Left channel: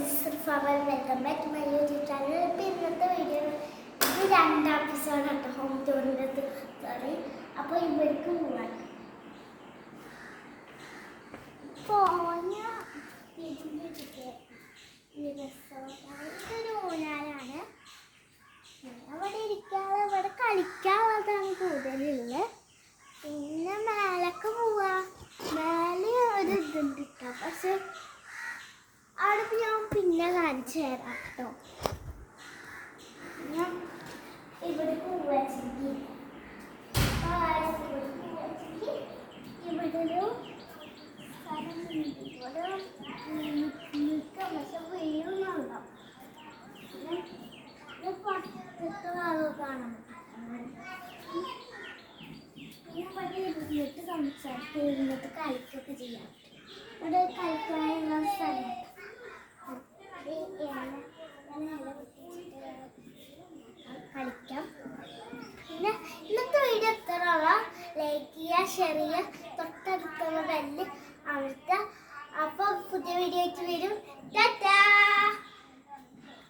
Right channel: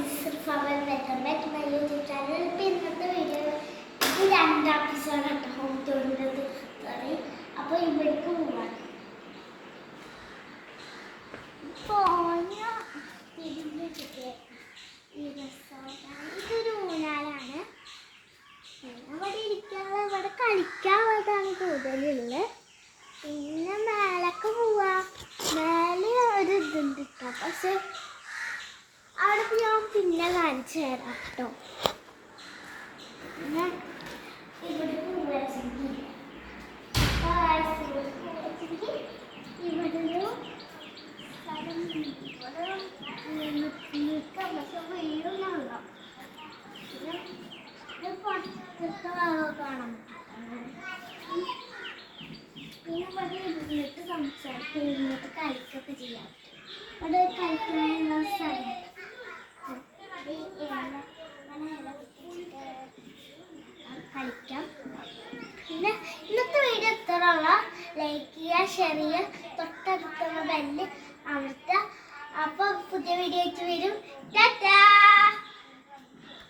Welcome back to my YouTube channel. ഇപ്പം ഇന്നത്തെ video ഇത് രണ്ടാം എപ്പിസോഡാണ് ഹോം ടൂറിൻ്റെ സോറി. അപ്പോൾ ഇവിടേക്ക് പോവാണ്. ഇതൊരു ഊഞ്ഞാലാണ്. അവിടെ ഇരിക്കാനുള്ള ഇവിടെ കളിക്കാനുള്ളതാണ് കൂടുതലുള്ളത്. പിന്നെ മേലൊക്കെ പോവാ. മേലെ ഒരു ഇതുണ്ട് കേട്ടോ, പക്ഷെ അവിടെ ഞാൻ പിന്നെ കാണിച്ചു തരാം കേട്ടോ. പിന്നെ ഇവിടെ പോവാച്ചെങ്കിൽ ഇവിടെ ഒരു നിൽക്കാം, പക്ഷെ വീഴുന്നുണ്ടോ. പിന്നെ പുറത്തൊക്കെ കാണാം. പിന്നെ ഇവിടെ ഇരുന്നിട്ട് സംസാരിക്കുക, ഇരുന്നിട്ട് കളിക്കൊക്കെ ചെയ്യാം. ഇവിടെ കളിക്കാനുള്ള സ്ഥലം കളിക്കാം. പിന്നെ ഇന്നത്തെ വീഡിയോ എത്രയുള്ള ലൈക്ക് ചെയ്യുക, ഷെയർ ചെയ്യുക, തൊട്ടടുത്തുള്ള ബെല്ല് അമർത്തുക. അപ്പോൾ പുതിയ വീഡിയോ ആയിട്ട് വരും. ടാറ്റാ.